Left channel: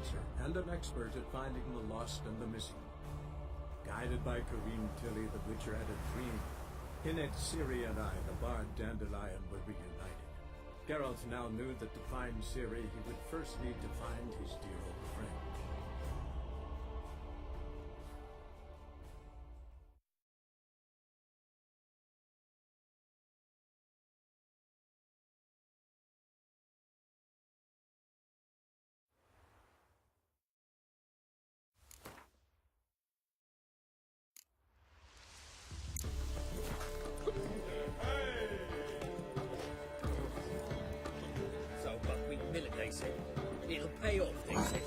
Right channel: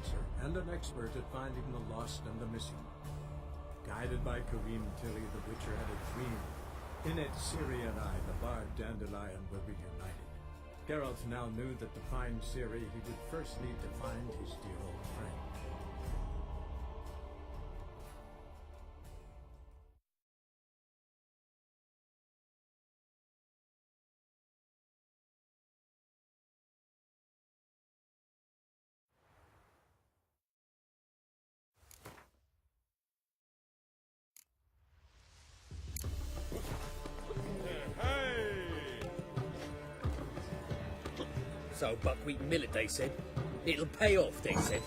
necromancer and an expert at finding the lost and the missing. Guided by Kareem Tilly, the Witcher had a dream. In it, Ciri and I, the bard Dandelion, were reunited. Geralt now knew that to find Ciri, he would first need to find his dear old friend. So buckwheat millet, they said. It'll pay off, they said.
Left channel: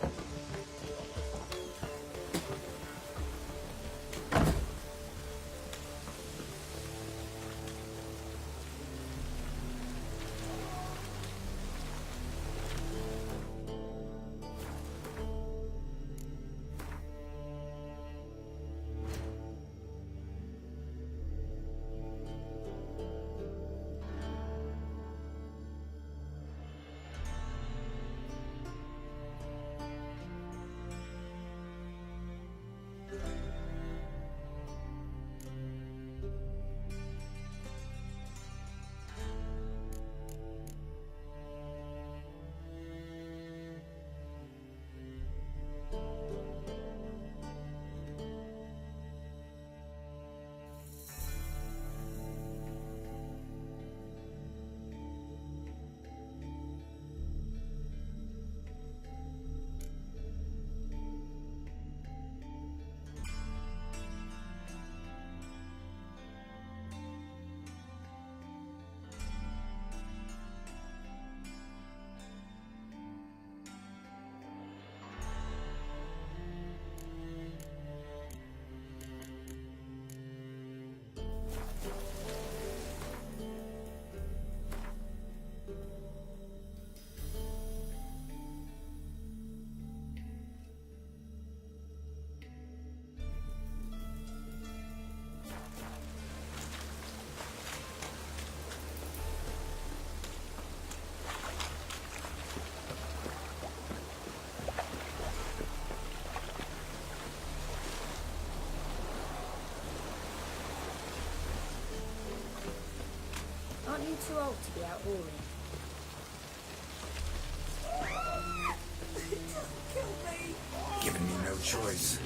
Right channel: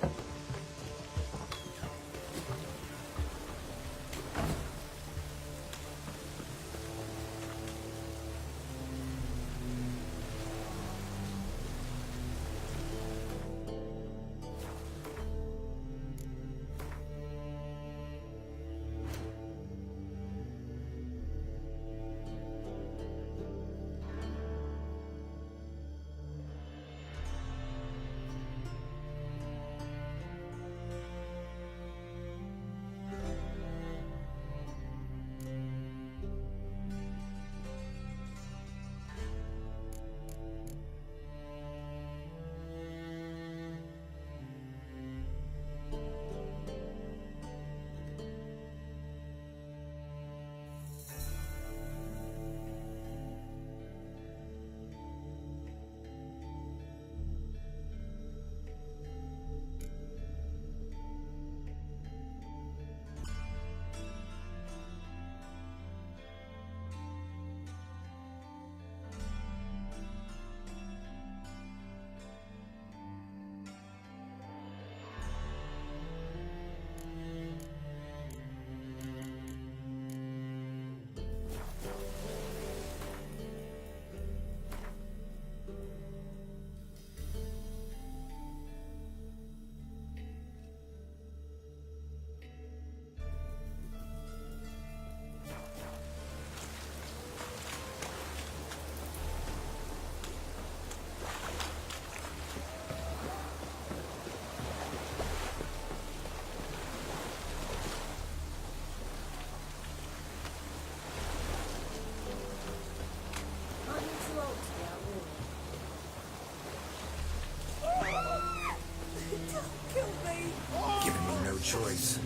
Giving me no choice.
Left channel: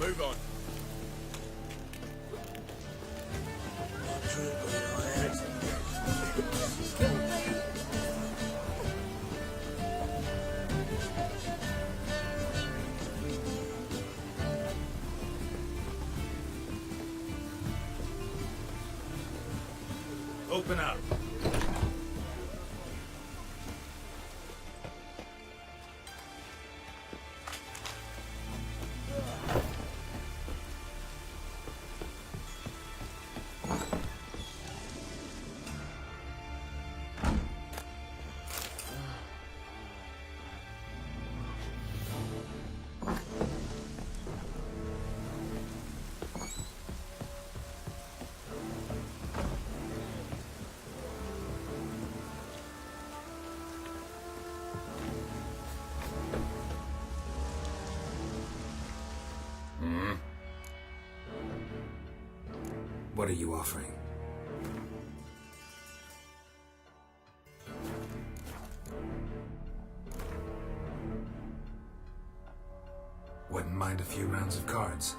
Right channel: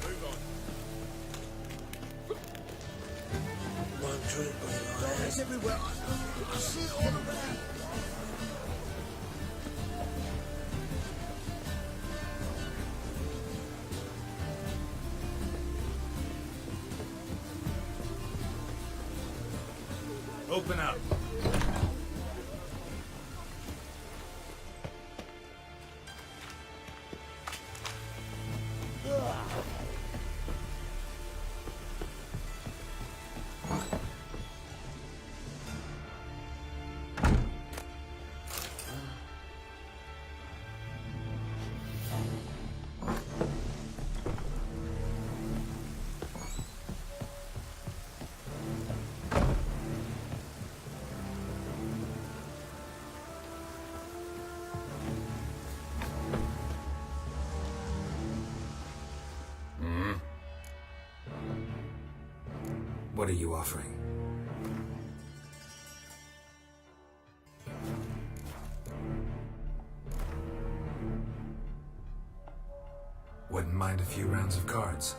Move on. Open up. What are you offering? Wouldn't mind a few rounds of cards.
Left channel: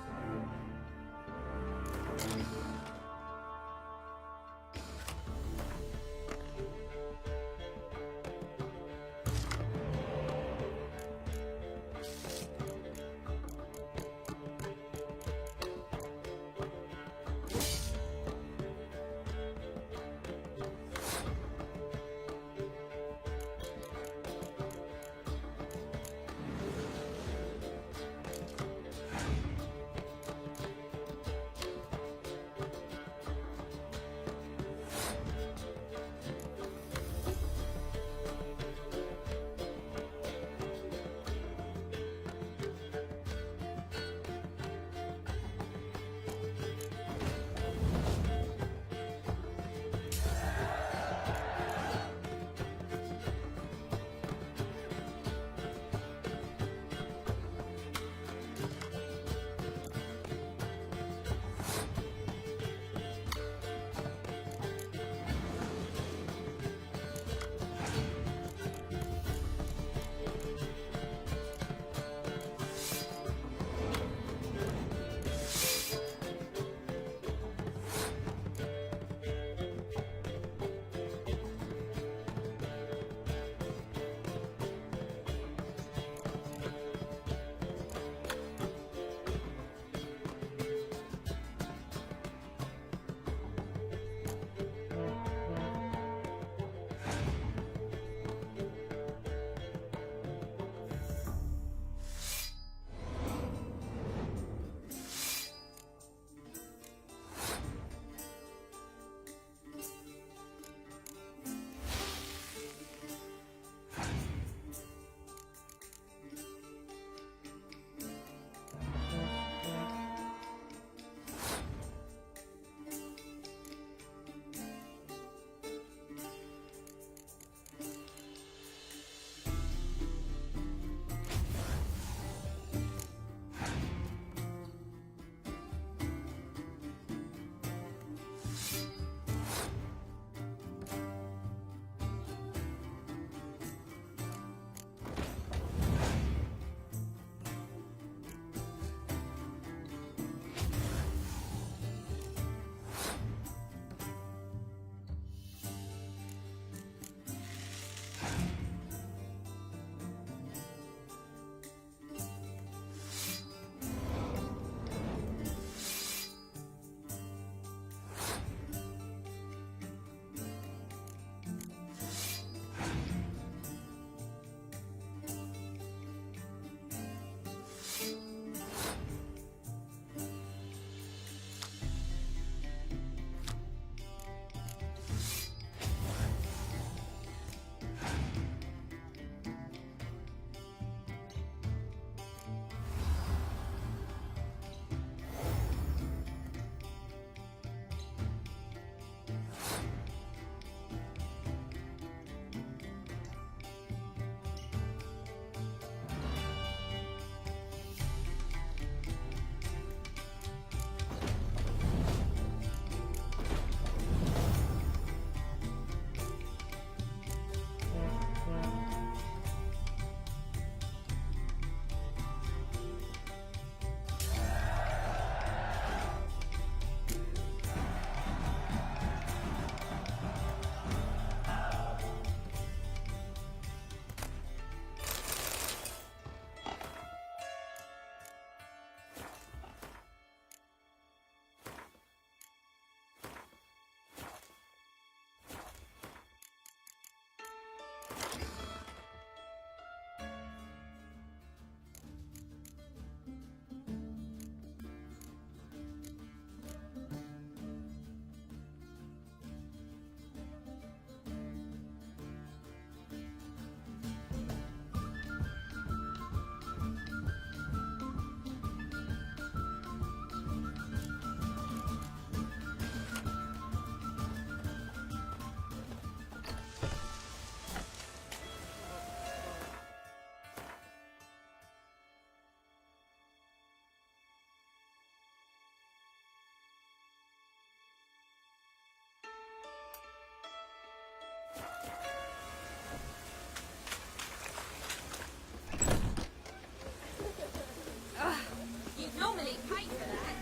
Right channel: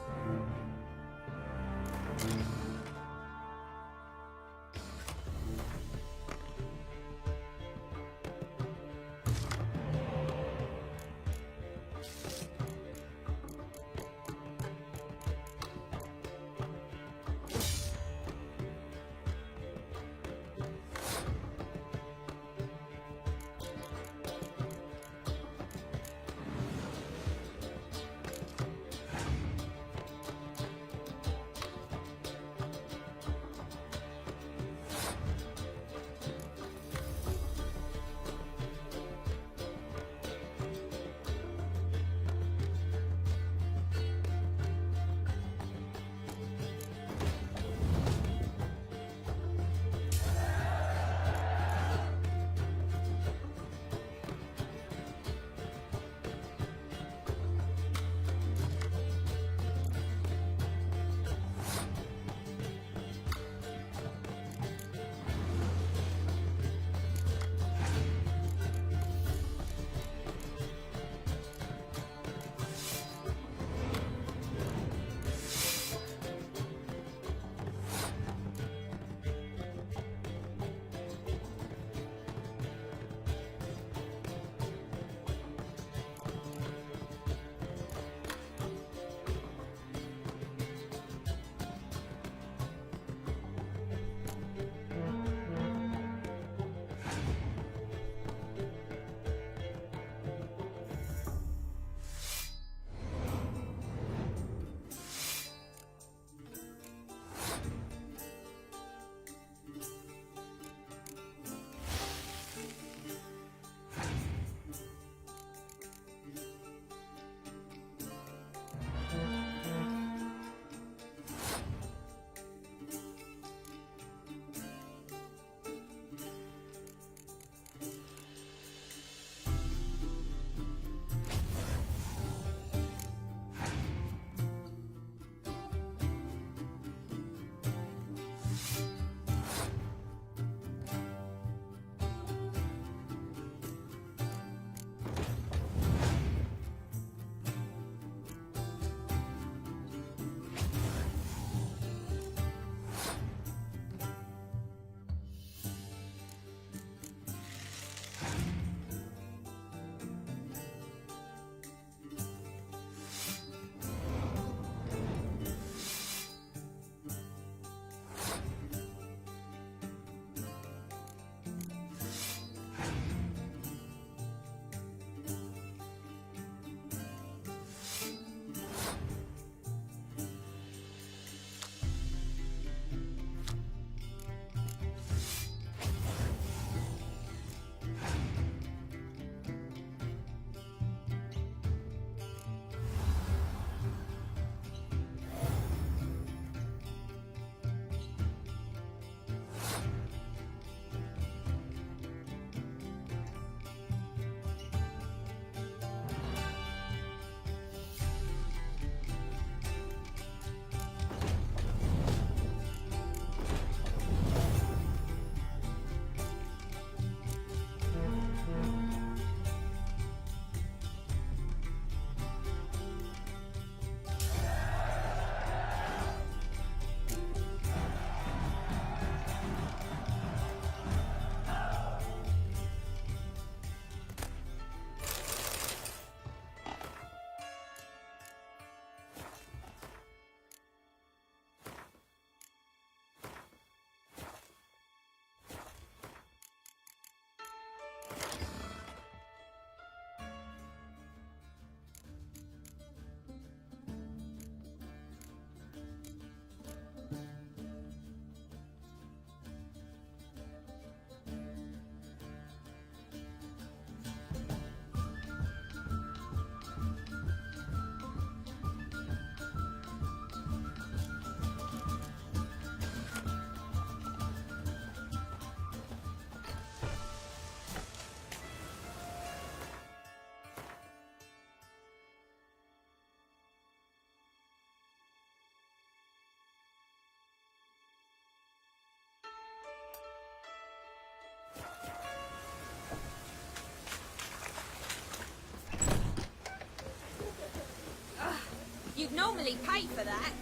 happily pay for that.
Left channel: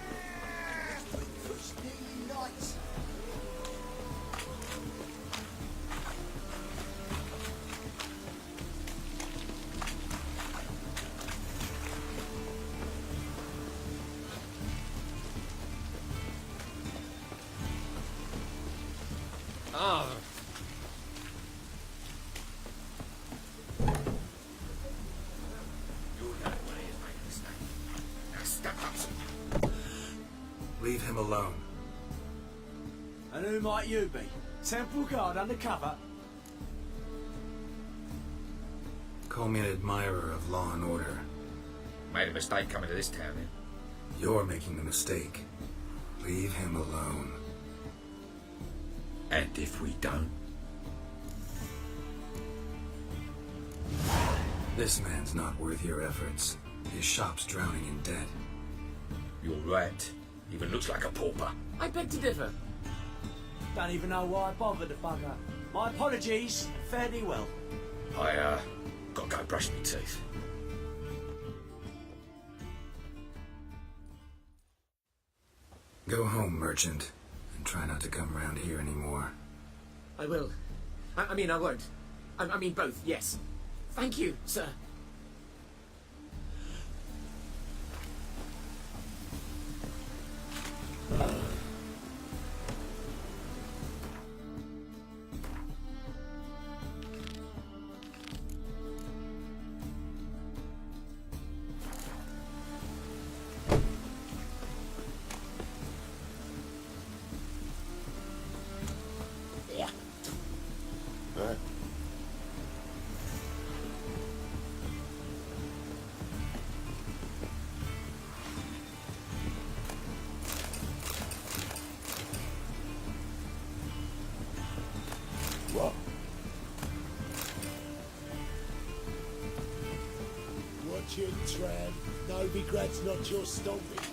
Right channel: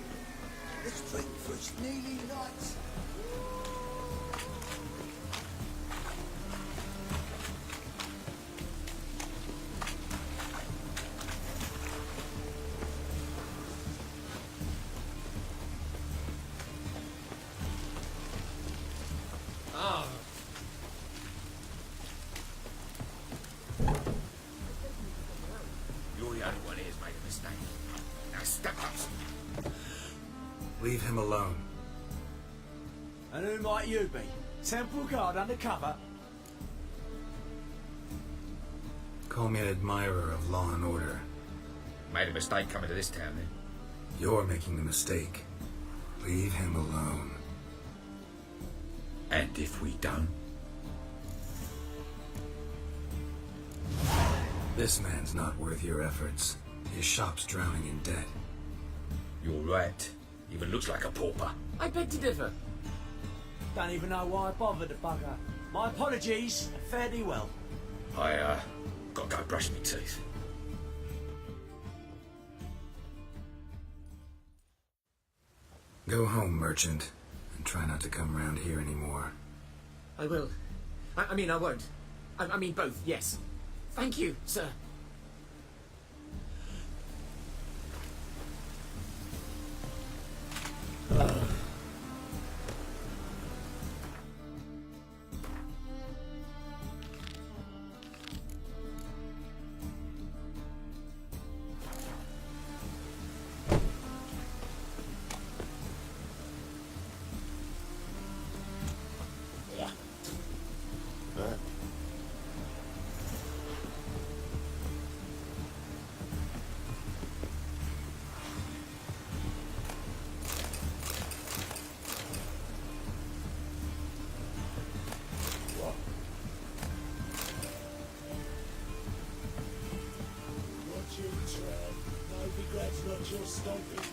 Oh. You're the only one who's made a mistake. Now step up. Leave him alone. And who might you be? Temple Guard undercover? Call me an admirer of law and order. Made a mistake coming to this town, then. You're making the mistake. Leave him alone. And if we don't? This man's not worth your efforts. His shop's drowning in debt. You're right. Even looks like a pauper. I beg to differ. Don't even know why I bothered the bugger. My apologies. Fare thee well. I, gotta go brush my teeth. Go home, merchant, and try not to come round here anymore. I will. I mean, I won't. I mean both, yes. Thank you, sir. Watch it, Trev. No regrets, not your stomping ground.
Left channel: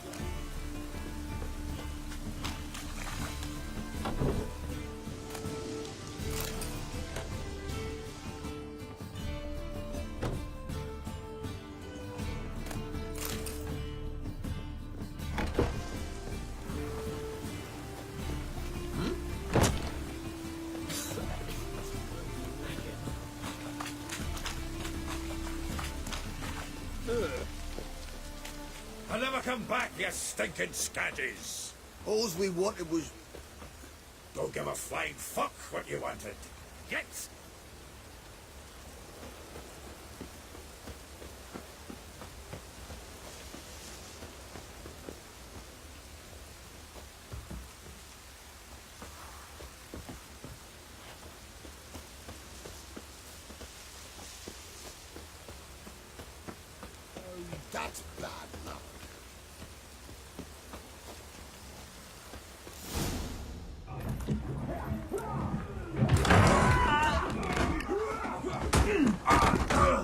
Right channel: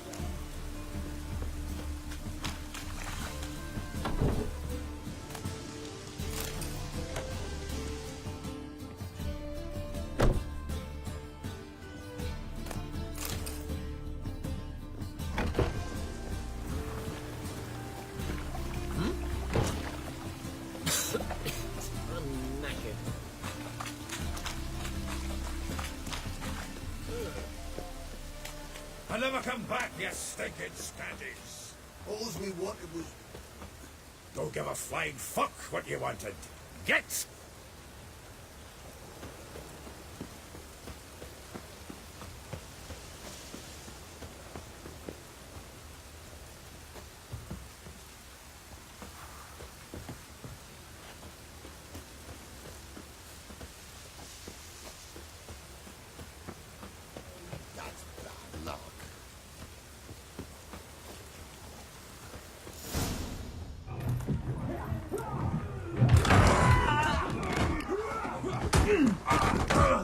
I'll never come back, you stinking scaddies. All we wanted was... Don't give a flying fuck what you wanted. Get! That's bad luck.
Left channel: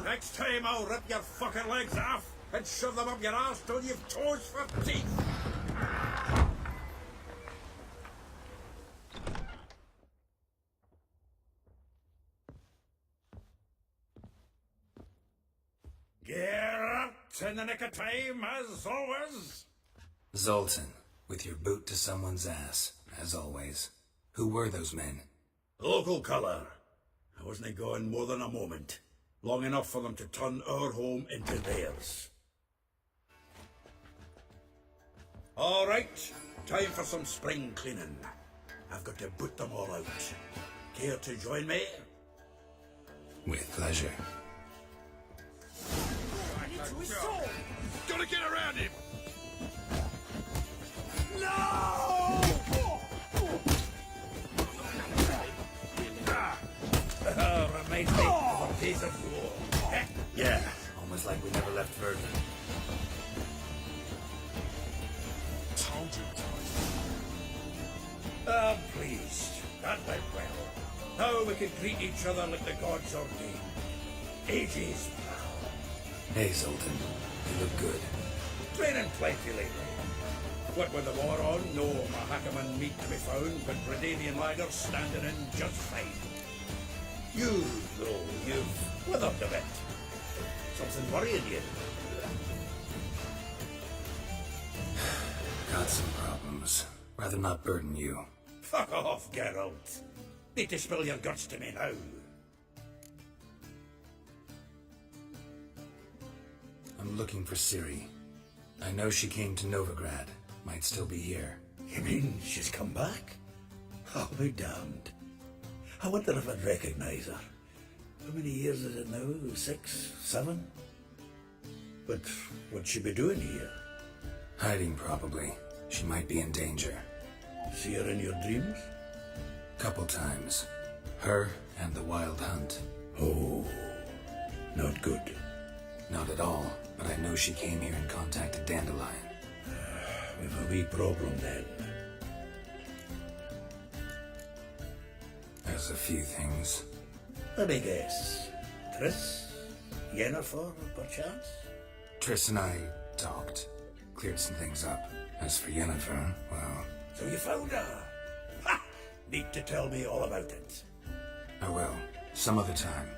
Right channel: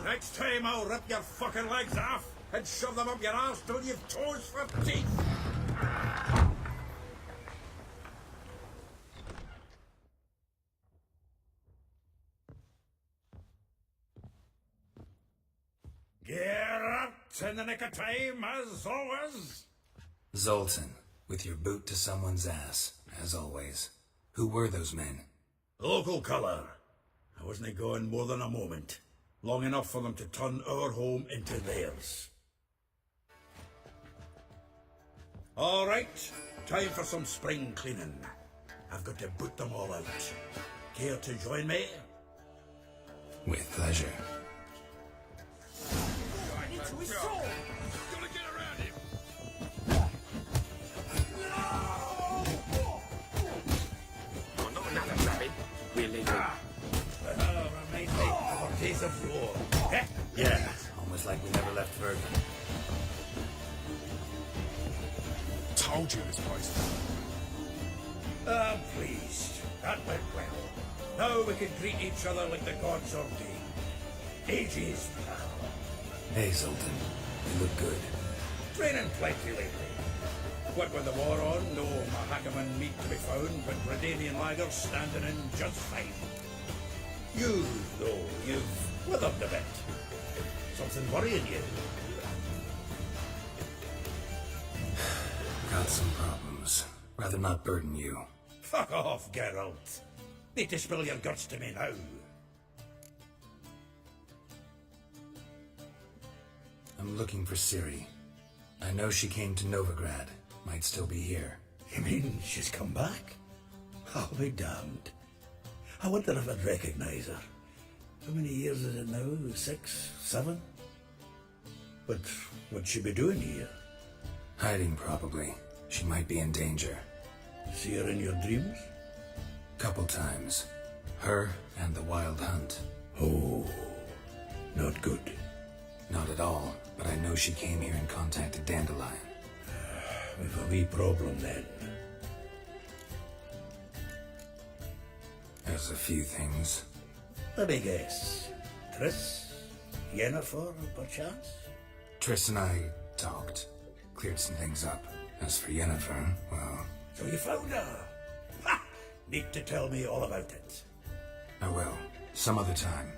Next time I'll rip your fucking legs off and shove them up your arse till you've toes for teeth. Gear up in the nick of time, as always. Zoltan, with your boot to someone's ass, as always. Who were those men? Local colour. I wasn't gone more than a moment. Long enough for them to turn our home into theirs. All right, time for some spring cleaning. I've got to boot them all out. Care to join me? With pleasure. Gonna get around it! Oh, reminds me of a piece of war. Yeah, almost like we never left Verdun. Told you it was poison. I'm pleased. That went well. Now we can greet each other like the gods ordained. Ages, pal. Hey, Zoltan, you look good. Training plenty lately. What with the war on, no Mahakaman meat to be found, but Redanian lagers standing in just fine. You, though, you've withered a bit. Something worrying you? Got some problems. Rather not burden you. Fuck off, Geralt. Need to spill your guts to me now. I'm looking for Ciri. I know she came to Novigrad. Might still be here. You mean she's come back? I'll be damned. I wonder if I'd recognize her. How many years is it now? 6, 7? But what'd she be doing here? Hiding, probably. She might be in danger. See her in your dreams? Couple times. Her and the Wild Hunt. Oh, not good. Not at all, but I know she came here and contacted Dandelion. We've a wee problem then. There's a few things. Let me guess. Triss? Yennefer, perchance? Triss and I talked. Cleared some things up. As for Yennefer, well, So you found her? Ha! Need to tell me all about it. I will. Some other time.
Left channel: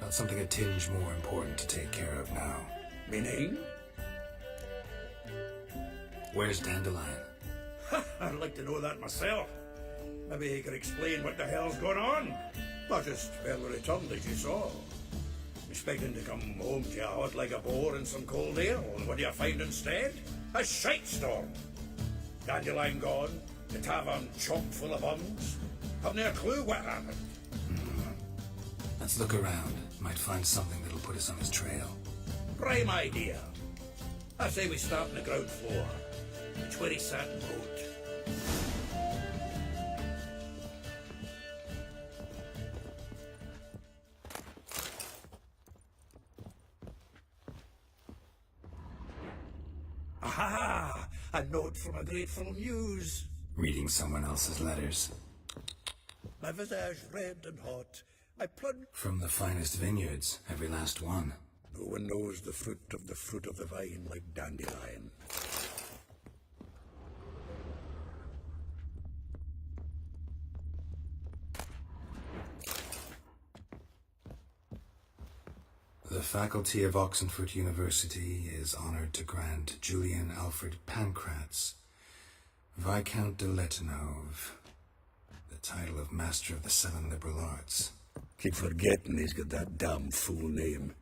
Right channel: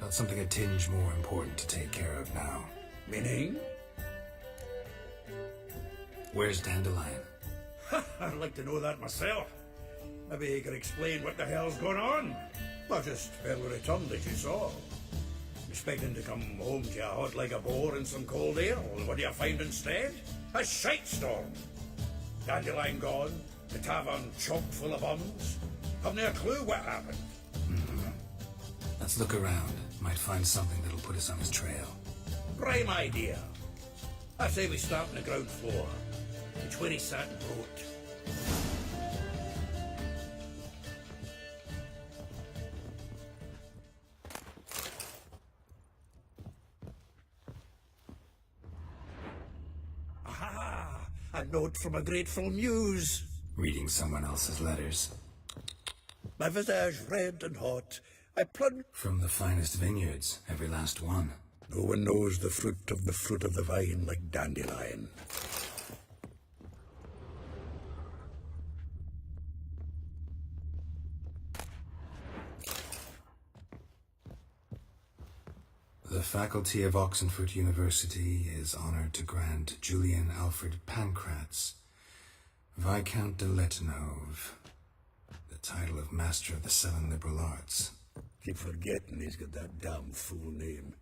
Got something a tinge more important to take care of now. Meaning? Where's Dandelion? Ha! I'd like to know that myself. Maybe you could explain what the hell's going on. I just barely returned, as you saw. Expecting to come home to you hot like a boar and some cold ale. What do you find instead? A shite storm. Dandelion gone, the tavern chock full of uns. Haven't a clue what happened. Let's look around. Might find something that'll put us on his trail. Prime idea. I say we start on the ground floor. It's where he sat and wrote. Aha! A note from a grateful muse. Reading someone else's letters. My visage red and hot. I plunge. From the finest vineyards, every last one. No one knows the fruit of the vine like Dandelion. The faculty of Oxenford University is honored to grant Julian Alfred Pancratz, Viscount de Letonov, the title of Master of the Seven Liberal Arts. Keep forgetting he's got that damn fool name.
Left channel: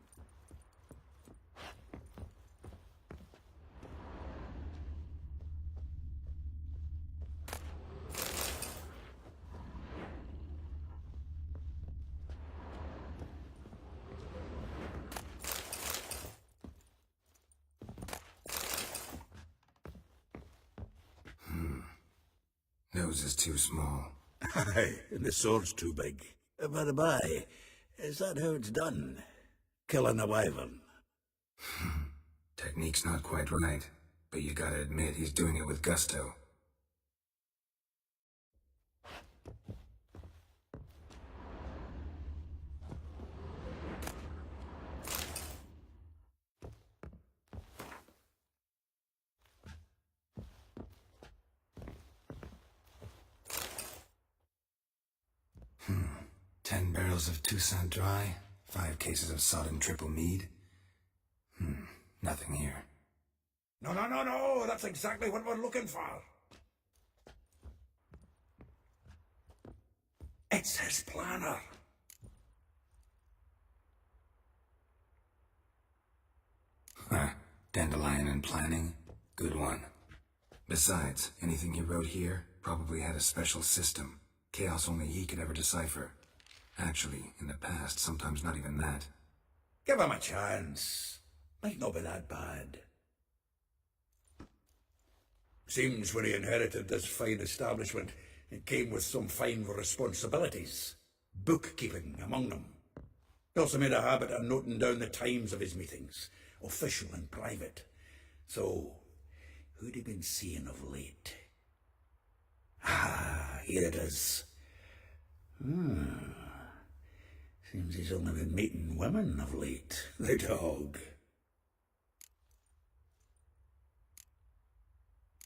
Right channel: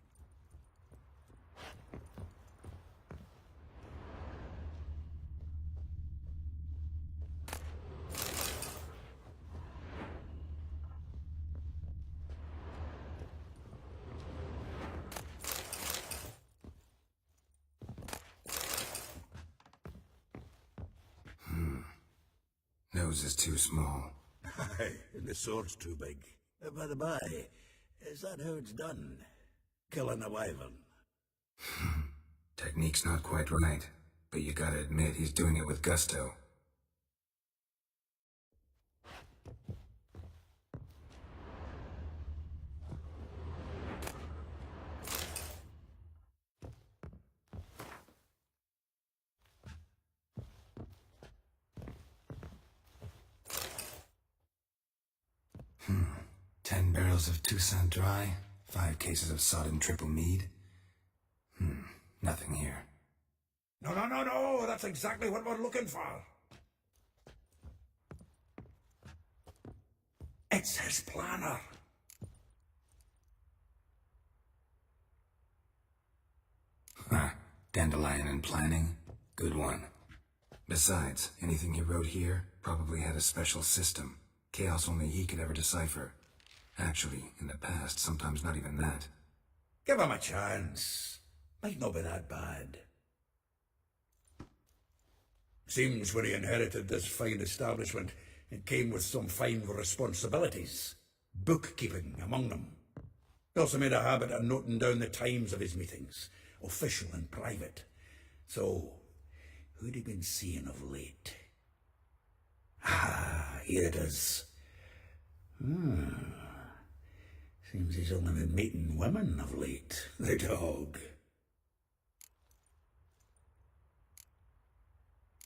Nose is too small. Aye, and the sword's too big. By the by, is that how it's done? Killing a wyvern? Technique's not quite right, but you gotta admit he's doing it with gusto. Hmm. 10 barrels of Toussaint Dry, 5 cases of sodden triple mead. Nothing here. No, that's exactly what we're looking for. It's his planner. Dandelion and planning, good one. Besides, anything he wrote here probably had a special system. Chaos only he could ever decipher. Actually, in the past, sometimes not even that. Give him a chance. Might not be that bad. Seems when he inherited this fine establishment, it came with some fine responsibilities. Bookkeeping among them. He also made a habit of noting down the times of his meetings, official and private. So, who'd he been seeing of late? Ah, here it is. Seems he's only been meeting women of late, the dog.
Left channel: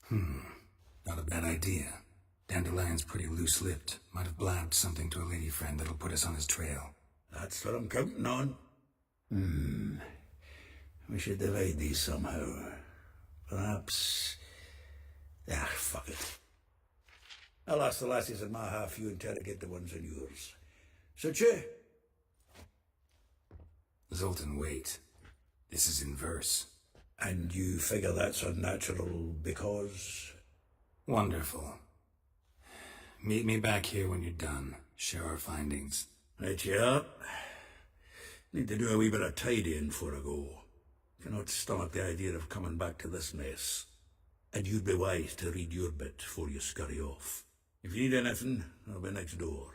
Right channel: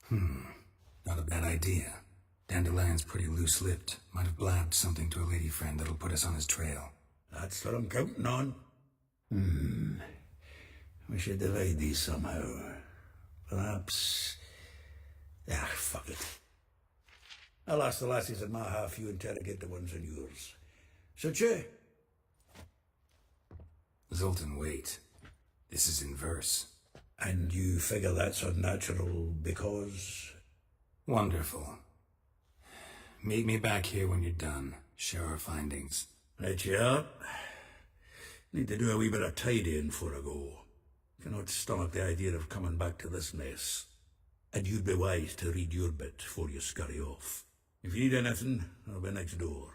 Not a bad idea. Dandelion's pretty loose-lipped. Might have blabbed something to a lady friend that'll put us on his trail. That's what I'm counting on. We should divide these somehow. Perhaps I'll ask the lassies in my half, you interrogate the ones in yours. Such you? Zoltan, wait. This is in verse. And you figure that's unnatural because... Wonderful. Meet me back here when you're done. Share our findings. Right you up. Need to do a wee bit of tidying before I go. Cannot stomach the idea of coming back to this mess. And you'd be wise to read your bit before you scurry off. If you need anything, I'll be next door.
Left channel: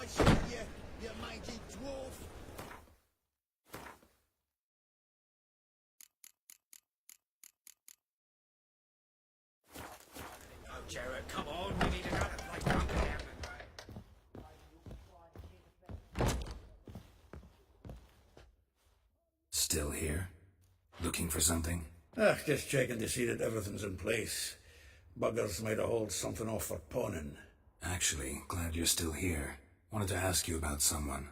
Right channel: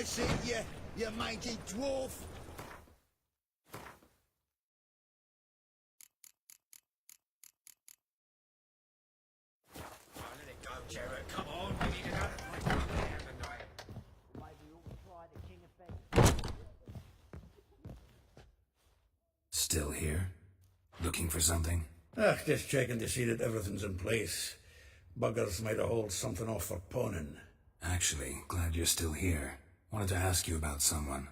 I see you mangy dwarf. Let it go, Jared. Come on, we need another fight up there tonight. Still here? Looking for something? Just checking to see that everything's in place. Buggers might have hauled something off for pawning. Actually, glad you're still here. Wanted to ask you about someone.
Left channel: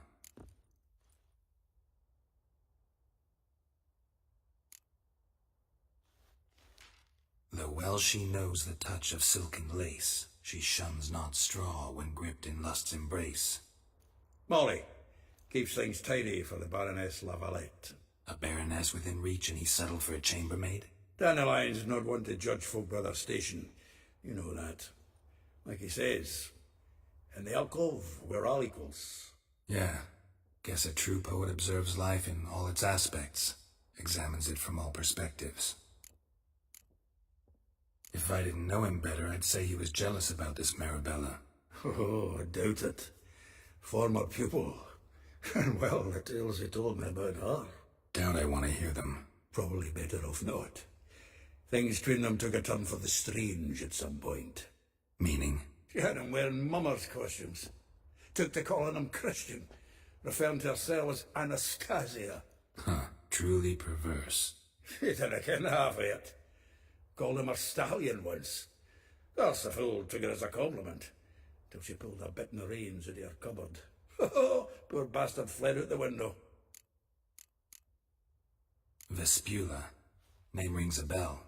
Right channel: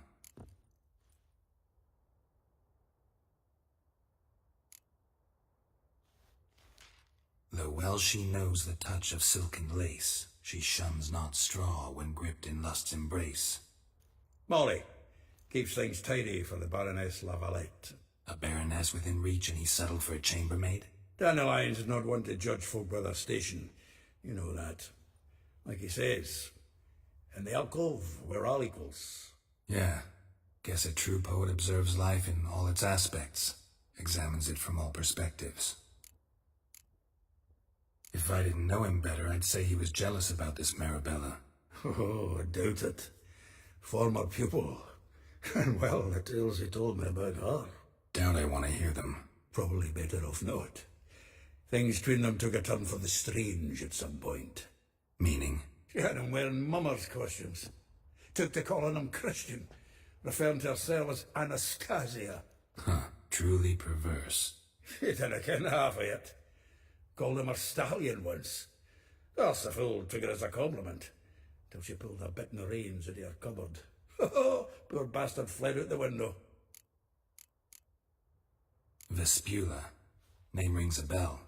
Though well she knows the touch of silken lace, she shuns not straw when gripped in lust's embrace. Molly keeps things tidy for the Baroness Lavalette. A baroness within reach and he settled for a chambermaid? Dandelion's not one to judge folk by their station. You know that. Like he says, in the alcove, we're all equals. Yeah. Guess a true poet observes life in all its aspects, examines it from all perspectives. If I didn't know him better, I'd say he was jealous about this Marabella. Oh, I doubt it. Former pupil. And well, the tales he told me about her. Doubt I want to hear them. Probably better off not. Things between them took a turn for the strange at some point. Meaning? She had him wearing mummers' costumes. Took to calling him Christian, referring to herself as Anastasia. Huh, truly perverse. She didn't ken half of it. Called him a stallion once. That's the fool took it as a compliment, till she pulled a bit in the reins into her cupboard. Poor bastard fled out the window. Vespula. Name rings a bell.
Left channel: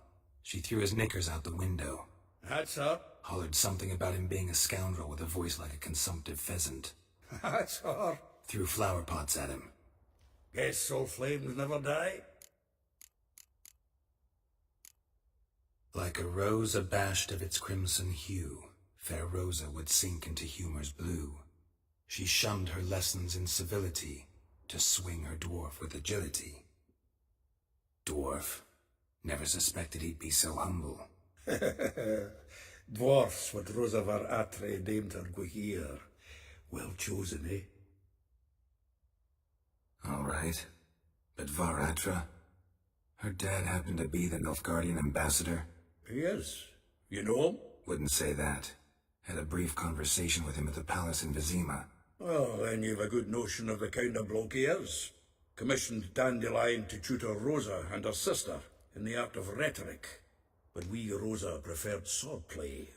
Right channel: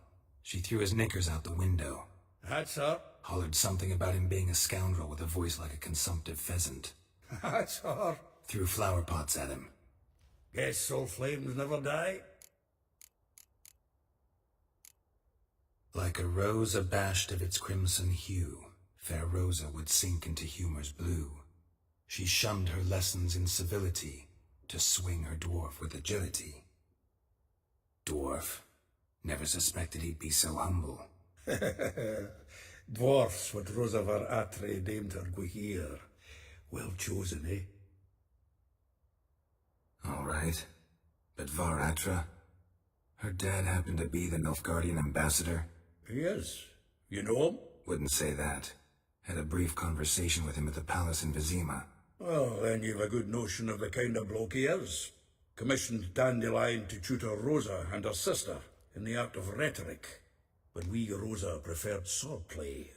She threw his knickers out the window. That's her. Hollered something about him being a scoundrel with a voice like a consumptive pheasant. That's her. Threw flower pots at him. Guess soul flames never die. Like a rose abashed of its crimson hue, fair Rosa would sink into humor's blue. She shunned her lessons in civility, to swing her dwarf with agility. Dwarf. Never suspected he'd be so humble. Dwarfs what Rosa var Atre deemed her Guihir. Well chosen, eh? All right. But Varatra? Her dad happened to be the Nilfgaardian ambassador? He is. You know him? Wouldn't say that. Had a brief conversation with him at the palace in Vizima. Well, then you've a good notion of the kind of bloke he is. Commissioned Dandelion to tutor Rosa and her sister in the art of rhetoric. But we Rosa preferred swordplay.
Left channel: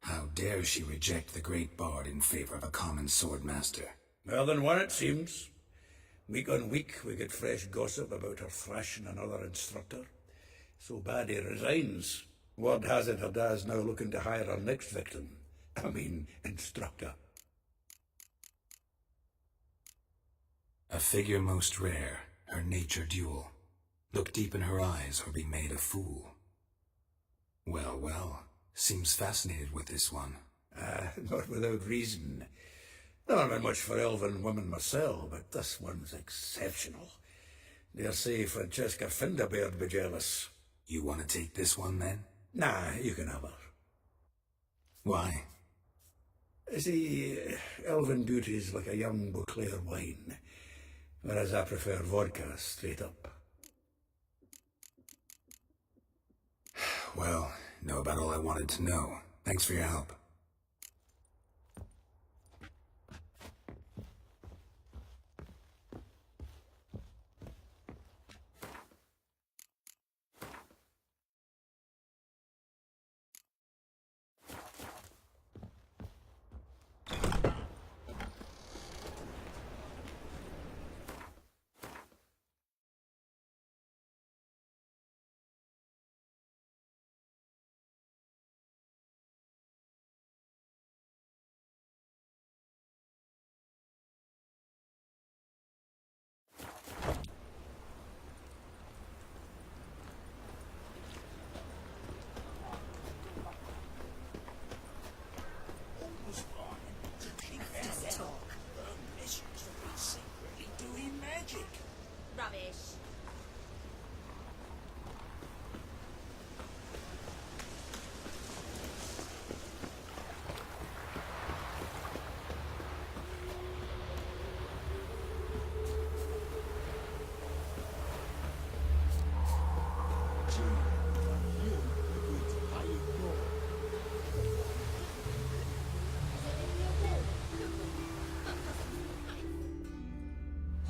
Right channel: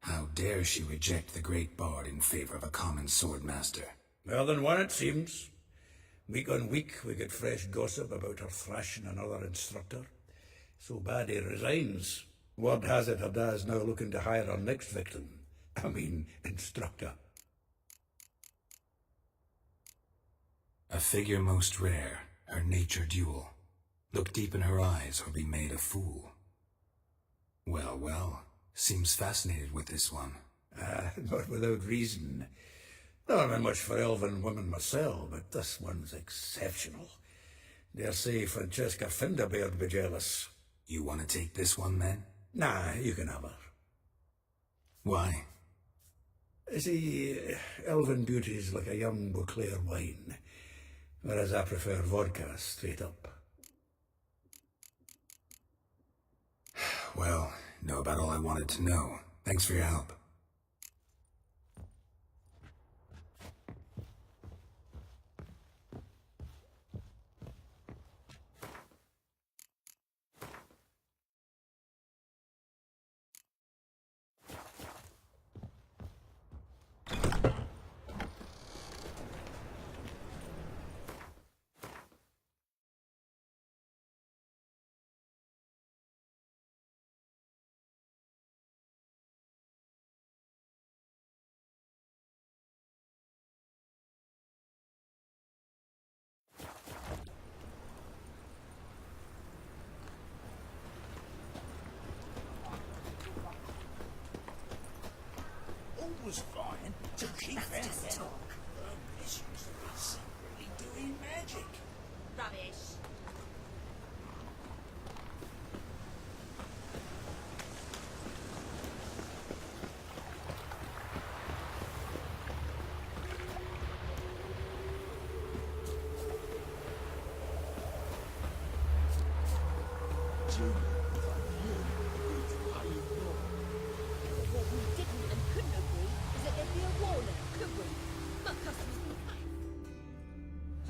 How dare she reject the great bard in favor of a common swordmaster? More than one, it seems. Week on week, we get fresh gossip about her thrashing another instructor. So bad he resigns. Word has it her dad's now looking to hire her next victim. Instructor. A figure most rare, her nature dual. Look deep in her eyes or be made a fool. Well, well, seems fascinated with this one. Not without reason. Not been much for elven women myself, but this one's exceptional. Dare say Francesca Finderbeard be jealous. You want to take this one, then? Nah, you can have her. Why? See, elven beauty's like a young Beauclair wine, whereas I prefer vodka straight up. Well, know about all I wanted to know. Thanks for your help.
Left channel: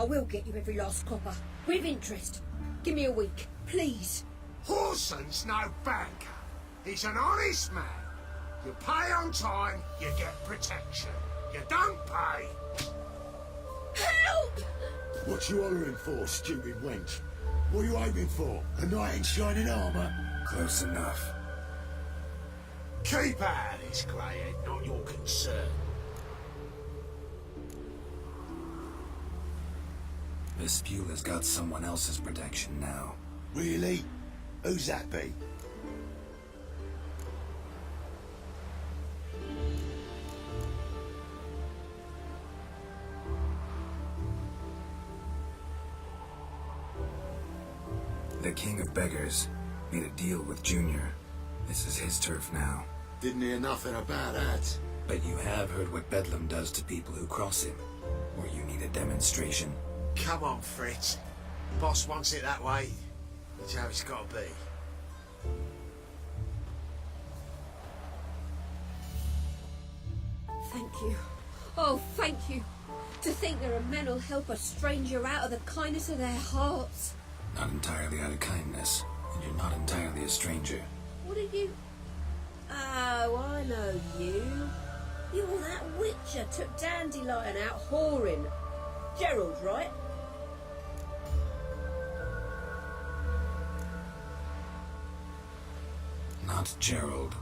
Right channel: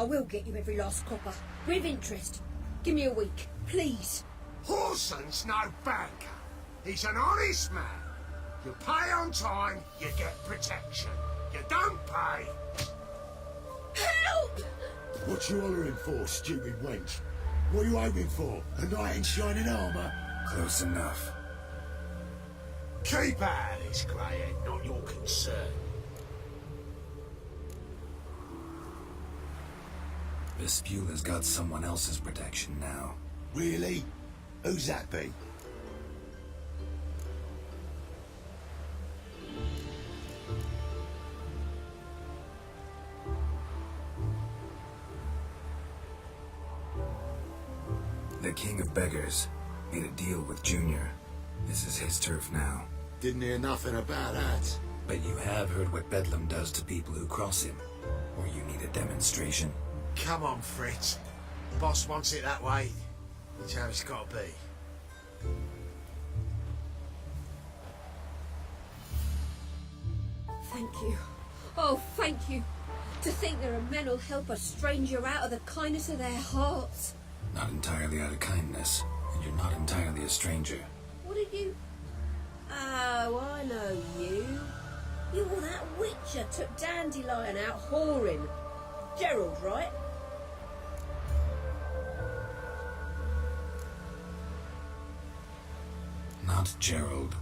I will get you every last copper, with interest. Give me a week, please. Horson's no banker. He's an honest man. You pay on time, you get protection. You don't pay... Help! What you hollering for, stupid wench? What are you aiming for? A knight in shining armour? Close enough. Keep out of this, greyhead, not your concern. This Spula's got someone else's protection now. Really? Who's that be? The King of Beggars made a deal with Junior. This is his turf now. Didn't hear nothing about that. But you have heard what Bedlam does to people who cross him. Or you need a demonstration. Come on, Fritz. Boss wants it that way. That's how it's got to be. Thank you. Oh, thank you. To think there are men who'll help a stranger out of the kindness of their hearts. Not entirely out of kindness, and you're not entirely a stranger. What are you? Oh, I know you. You're that witcher took Dandelion out whoring. Gerald, right? Not Gerald.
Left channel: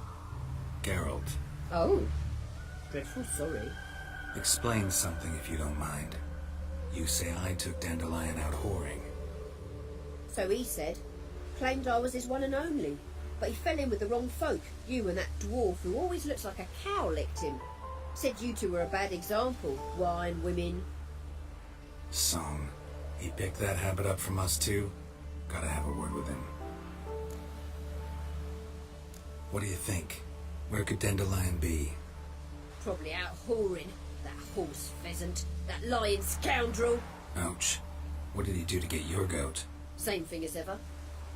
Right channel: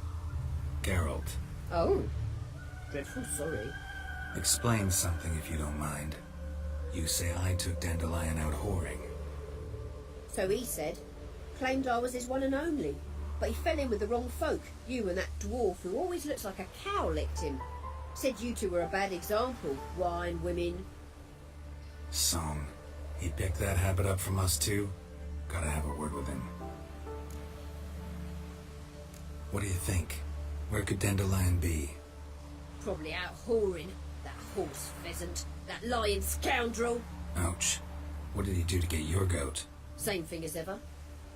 Gerald. Oh. Dreadful sorry. Explain something if you don't mind. You say I took Dandelion out whoring. So he said. Claimed I was his one and only. But he fell in with the wrong folk. You and that dwarf who always looks like a cow licked him. Said you two were a bad example. Wine, women. Song. He picked that habit up from us too? Gotta have a word with him. What do you think? Where could Dandelion be? Probably out whoring. That horse pheasant. That lying scoundrel. Ouch. What did he do to get your goat? Same thing as ever.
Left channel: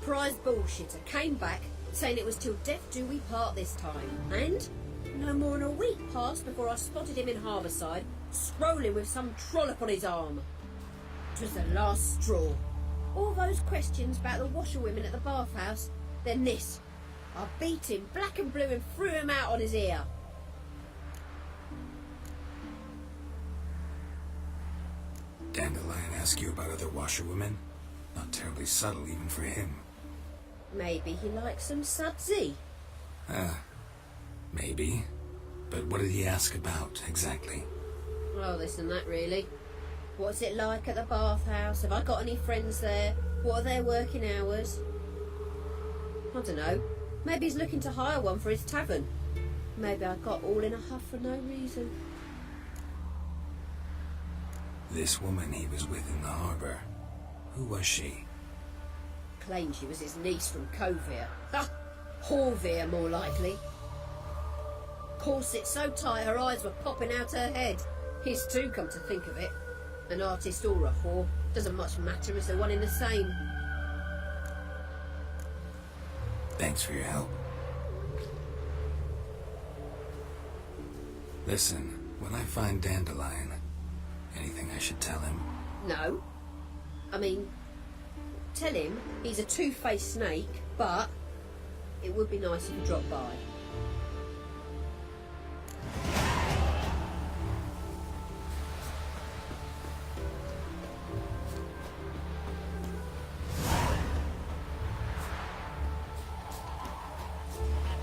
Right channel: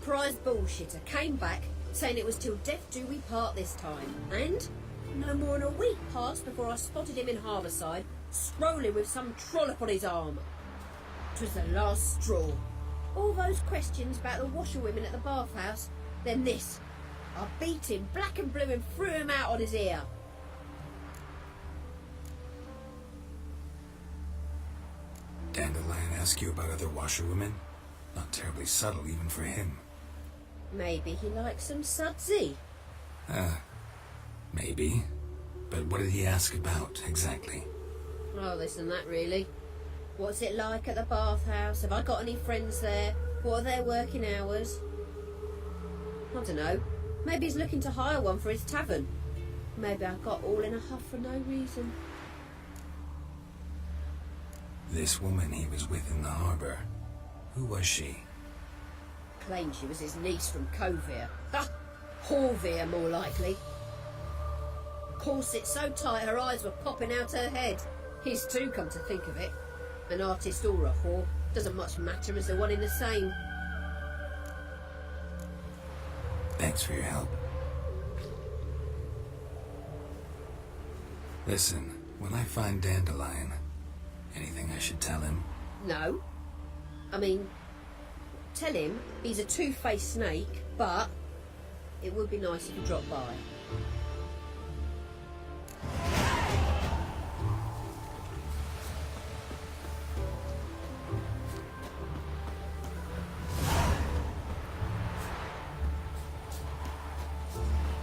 Prize bullshitter came back saying it was till death do we part this time. And no more than a week passed before I spotted him in Harbourside, strolling with some trollop on his arm. 'Twas the last straw. All those questions about the washerwomen at the bathhouse, then this. I beat him black and blue and threw him out on his ear. Dandelion ask you about other washerwomen? Not terribly subtle even for him. Maybe he likes some sudsy. Maybe. But what did he ask about, exactly? Oh, this and that, really. What's it like at the bathhouse? Have I got any friends there? What are their working hours? I don't know. Maybe he's looking to hire one for his tavern. Maybe I got all in a huff for no reason. This woman he was with in the harbour. Who was she? Claimed she was his niece from Covere. Ha! Horvere, more likely. Corset so tight her eyes were popping out her head. His too, come to think of it. An artist or a whore. Doesn't much matter as they're one in the same. Thanks for your help. Listen, when I find Dandelion, anything I should tell him? No. I mean, tell him he's a two-faced snake, but it would be nice if he dropped by.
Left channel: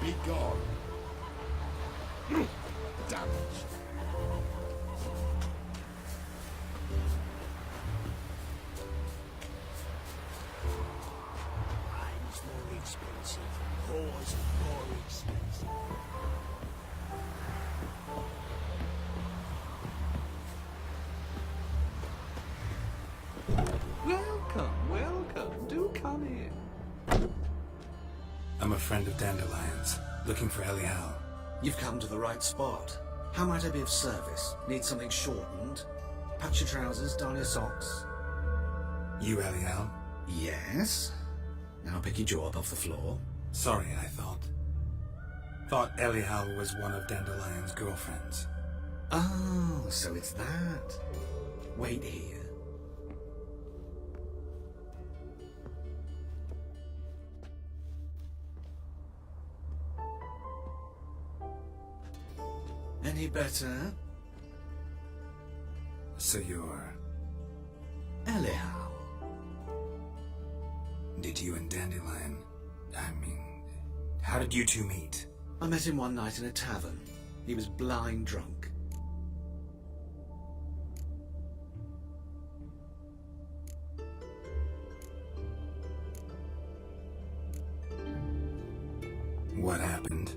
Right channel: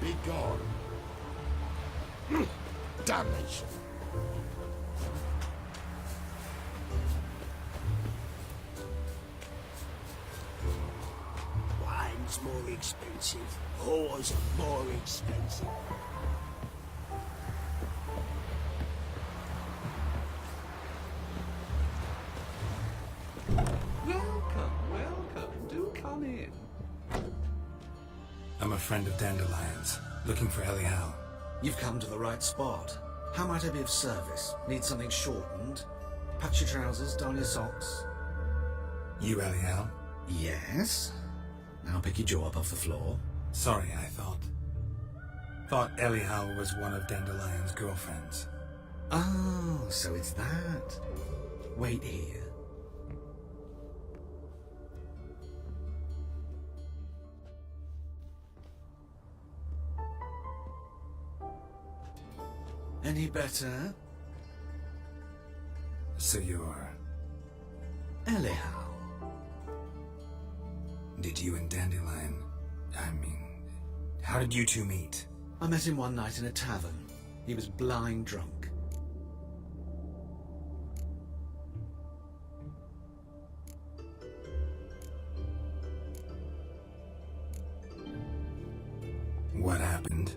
Be gone. Damage. Wine's more expensive. Whores more expensive. Welcome. Do come in. I'm a friend of Dandelion's, looking for Elial. You've come to the right spot. How might I be of service? Need something shortened? Patch your trousers, darn your socks. You Elial? Yes? Now pick your jaw up off the floor. Sorry, I thought Elial was one of Dandelion's girlfriends. Oh, so it's that. Wait here. Any better? So you're... Anyhow. Did you and Dandelion... how did you two meet? I met him one night in a tavern. He was blind drunk. What happened?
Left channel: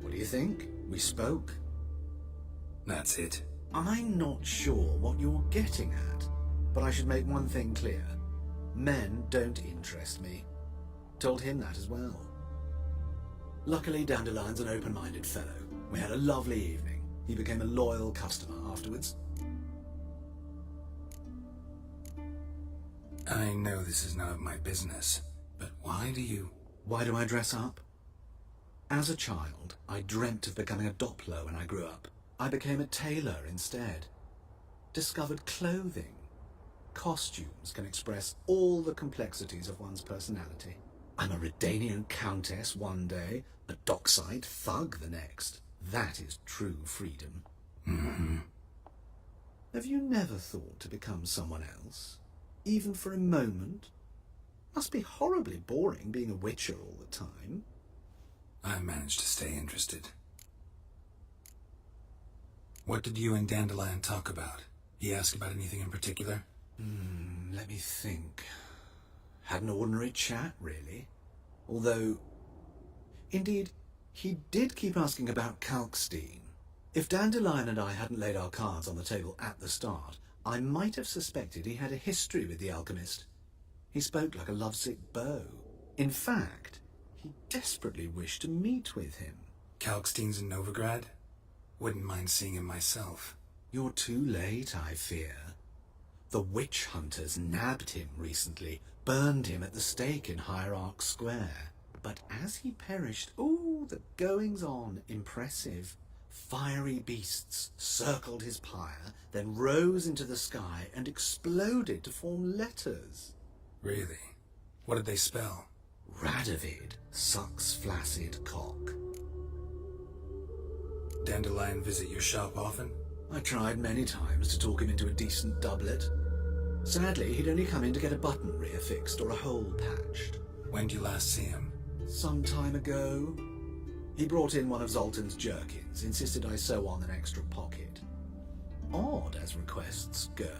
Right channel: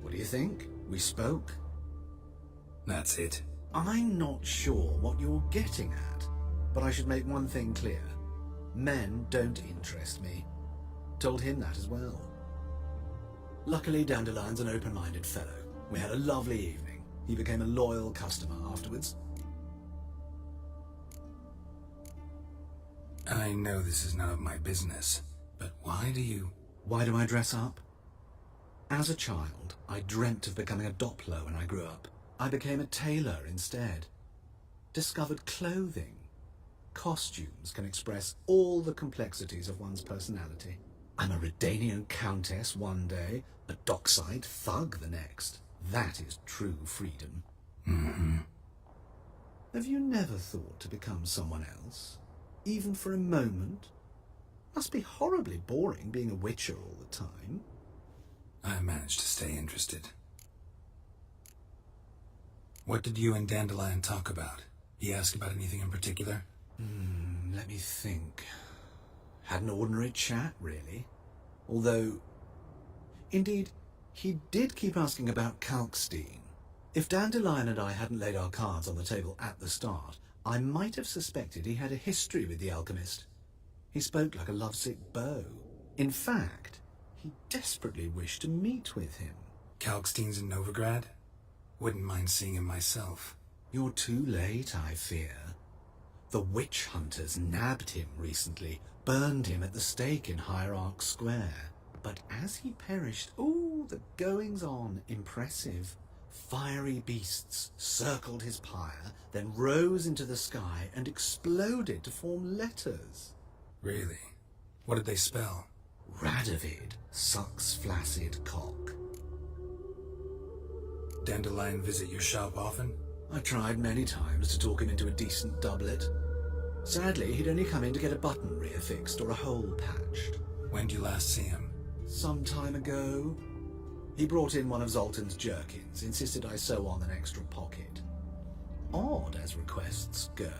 What do you think? We spoke. That's it. I'm not sure what you're getting at, but I should make one thing clear. Men don't interest me. Told him that as well. Luckily, Dandelion's an open-minded fellow. We had a lovely evening. He became a loyal customer afterwards. I know this is none of my business, but why do you... Why do I dress up? As a child, I dreamt of becoming a Doppler when I grew up. I became a tailor instead. Discovered clothing. Costumes can express all the complexities of one's personality. I'm a Redanian countess one day, a dockside thug the next. That is true freedom. Mm-hmm. Have you never thought to become someone else? Even for a moment? Must be horribly boring being a witcher all the time. I managed to stay interested. What did you and Dandelion talk about? He asked about anything in particular? Let me think. Had an ordinary chat, really. Although, indeed, he did keep asking about Kalkstein. If Dandelion and I hadn't laid our cards on the table at the start, I might have suspected he had a history with the alchemist. He spoke like a lovesick beau. In fact, he desperately wished to meet with him. Kalkstein's in Novigrad? Wouldn't mind seeing him myself. You're too late, I fear. The witch hunters nabbed him recently, burned him at the stake in Hierarch Square. But as he perished, the goings-on, impressive. Fiery beasts circled his pyre, then rose into the sky and exploded to form letters. Really? What did they spell? Radovid sucks flaccid cock. Dandelion visit your shop often? I tried many times to talk him into a decent doublet. Sadly, he'd only come in to get a button reaffixed or a hole patched. When did you last see him? Some time ago. He brought in one of Zoltan's jerkins, insisted I sew on an extra pocket. Odd as requests go,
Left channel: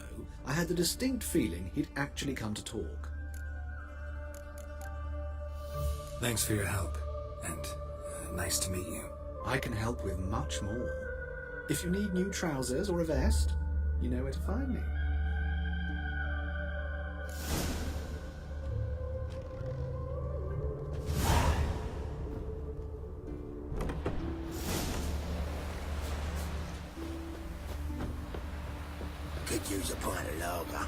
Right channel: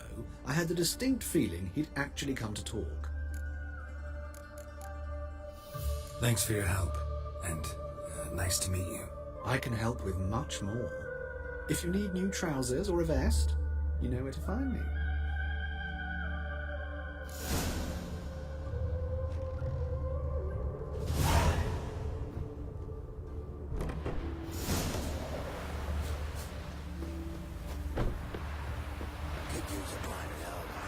I had the distinct feeling he'd actually come to talk. Thanks for your help, and nice to meet you. I can help with much more. If you need new trousers or a vest, you know where to find me. Could use a pint of lager.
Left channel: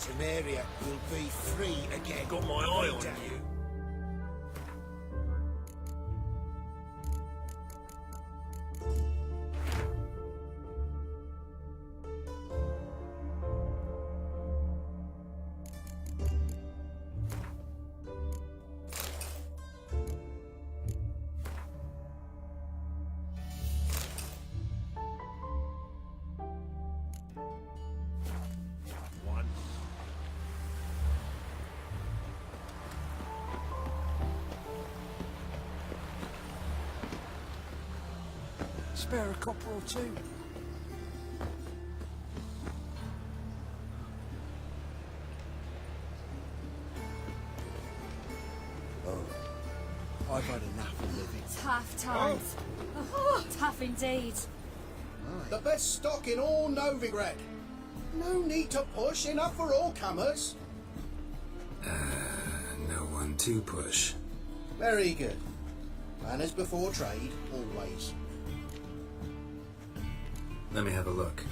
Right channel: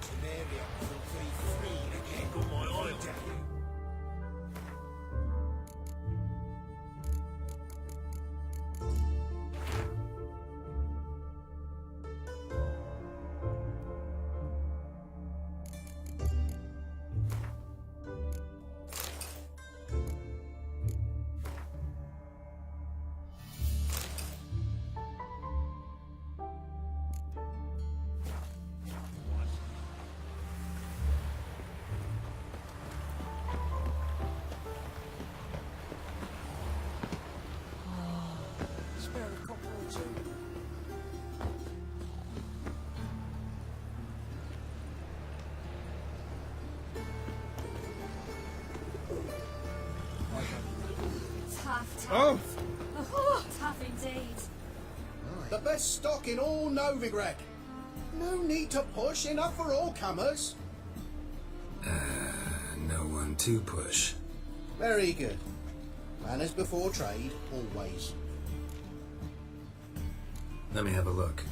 Temeria will be free again. Got my eye on you. Spare a copper or two. I've had enough of it. Tough times. Oh, tough indeed. The best stock in all Novigrad. No need to push, enough for all comers. No one to push. Very good. Manners before trade, always. Let me have a look.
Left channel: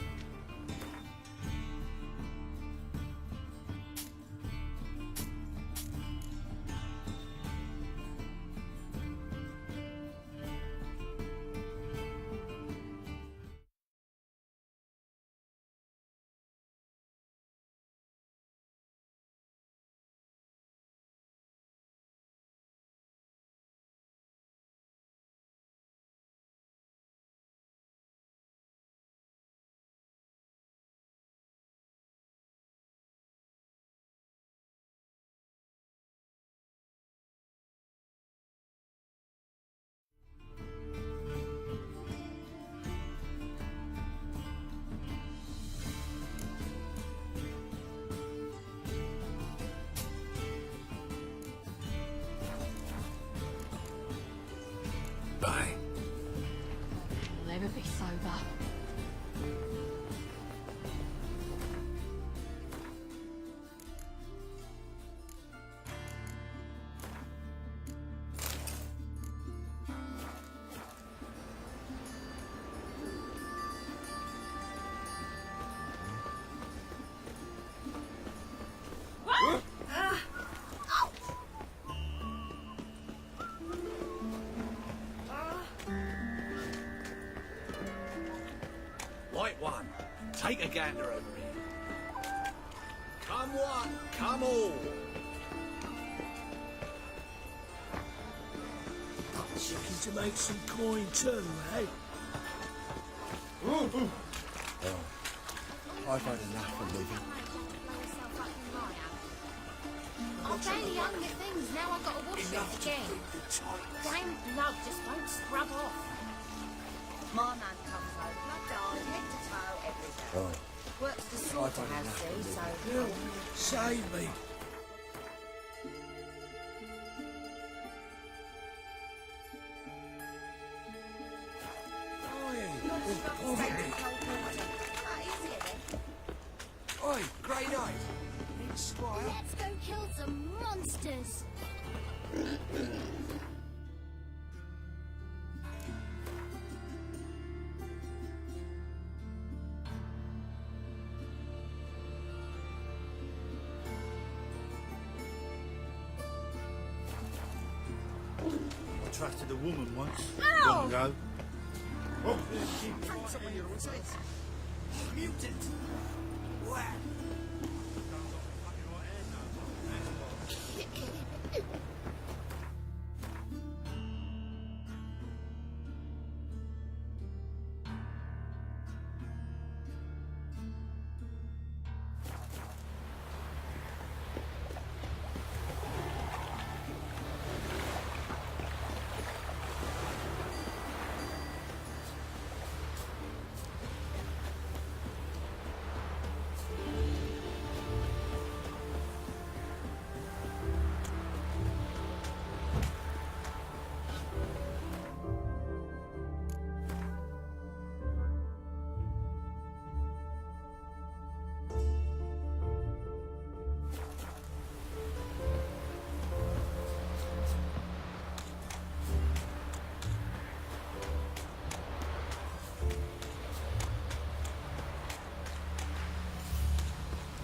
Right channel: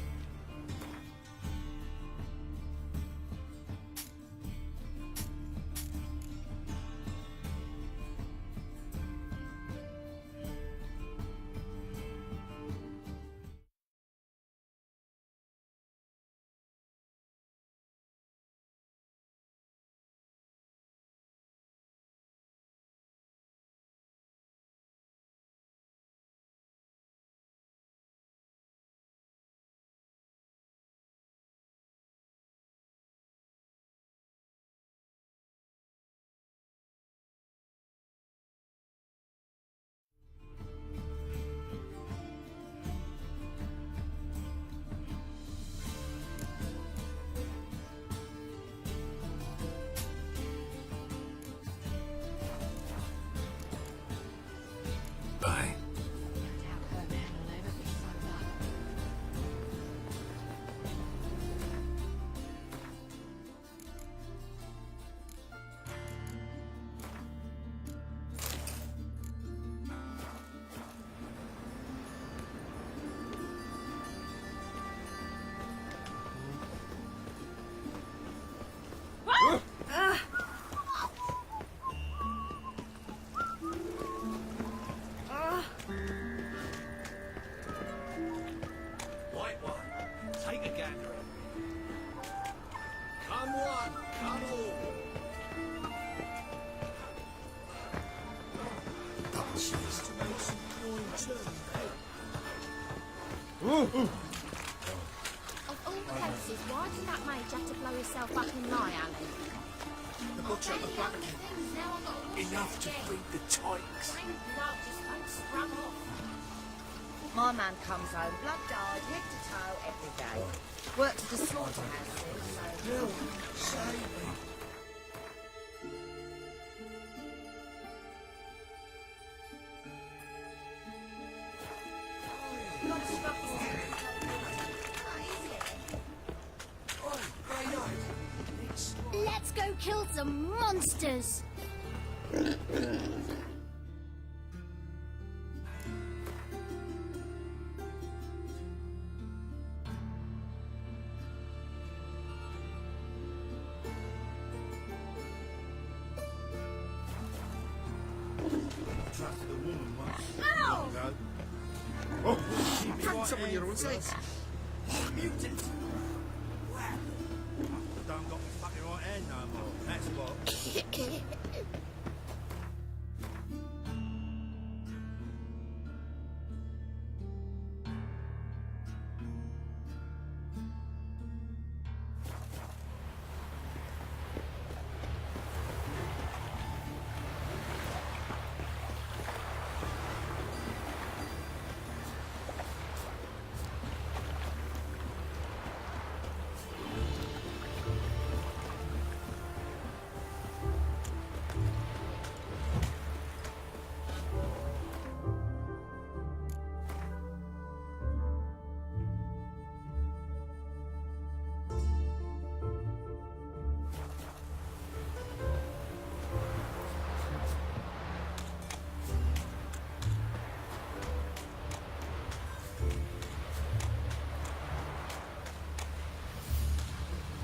Bye. I'll never be sober. Right one, take a gander at me. Come one, come all. Cheese to make some coin too, eh? Of all cases, why did that mate have to blow himself up in lie, Alan? I'm barely having the things, now I've got to wash Enough it to again. read the tights. Damn blood just won't scrub off. My man comes home blood-eyed, head to toe, every day. Works at the slaughterhouse, see, so... No, save me. Oi, grey night. Let's go kill some monsters! Trusted a woman once. Ow! Long ago. Oh, keep it right on your Mutant! Mutant. Wow. Don't got the fucking right hand no more. That's what.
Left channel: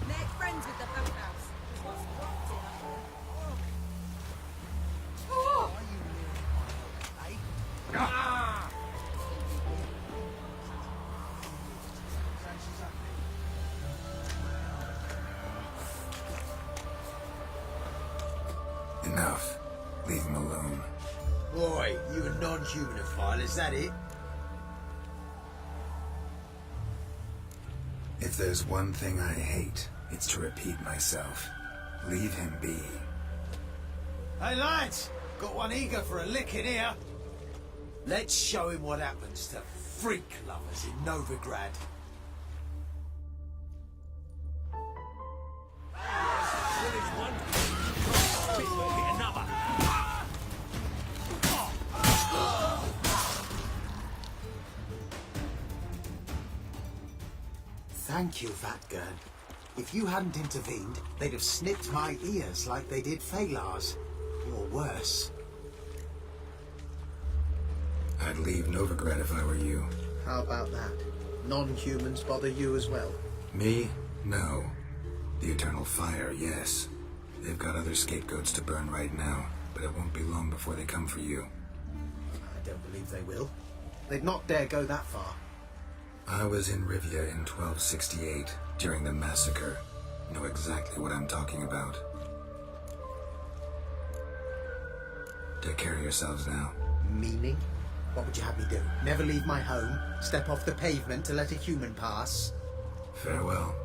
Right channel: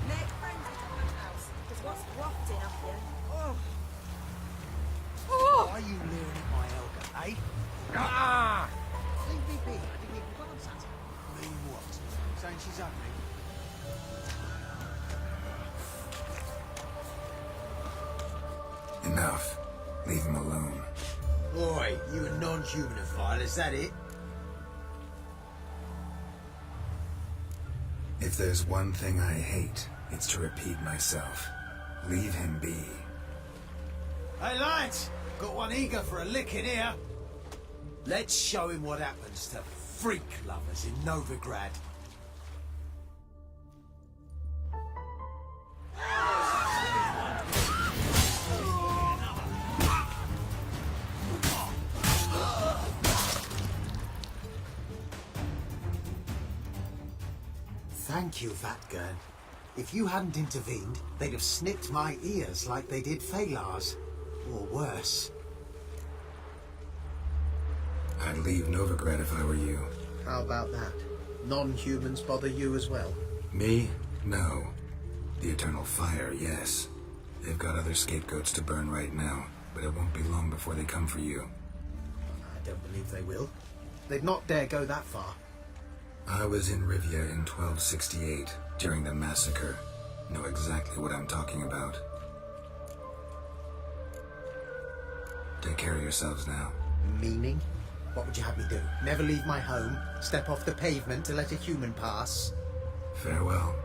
Make friends with the bathhouse, because what's wafting up here? Are you leering at my elder, eh? Ah! Saying she's ugly? Enough. Leave him alone. Boy, you a non-humanophile, is that it? If there's one thing I hate, it's to repeat myself. Leave him be. Hey lads, got one eager for a lick in here. Let's show him what happens to freak lovers in Novigrad. Thank you, Vatgern. If you hadn't intervened, they'd have snipped my ears like they did Phalar's. Or worse. I'd leave Novigrad if I were you. How about that? Non-humans bother you as well? Me? No. The Eternal Fire, yes. They've got other scapegoats to burn right now, but it won't be long before they come for you. I don't believe they will. They'd not dare go that far. I was in Rivia in 1268, during the massacre. Know exactly what I'm talking about. Take care of yourselves now. Meaning? What would you have me do? Never leave my home? Step off the pavement to let a human pass? Farewell.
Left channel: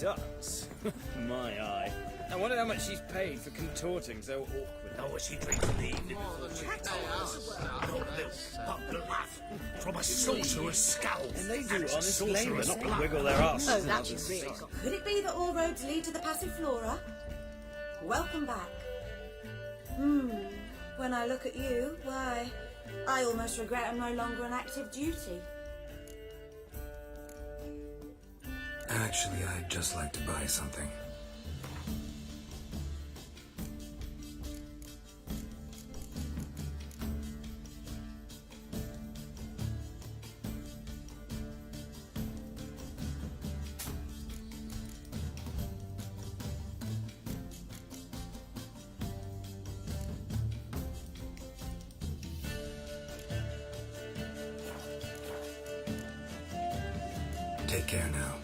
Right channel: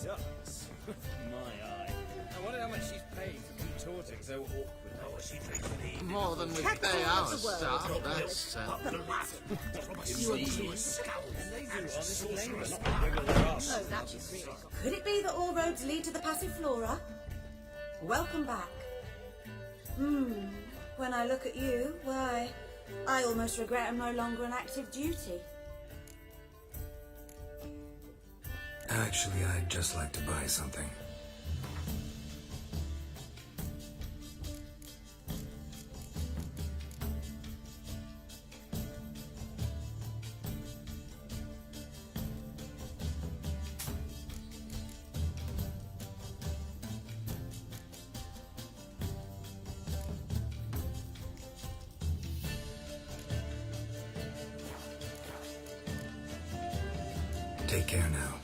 does. My eye. I wonder how much she's paid for contorting so awkwardly. Oh, she drinks more than the day I was starting. From a sorcerer's skull. And they do honest labour, not wiggle their arse. Oh, that was really good. Could it be that all roads lead to the Passiflora? Welcome back. When I look at you, why, I almost regret I'm no longer on active duty. Actually, I'd just like to buy something. Take care now.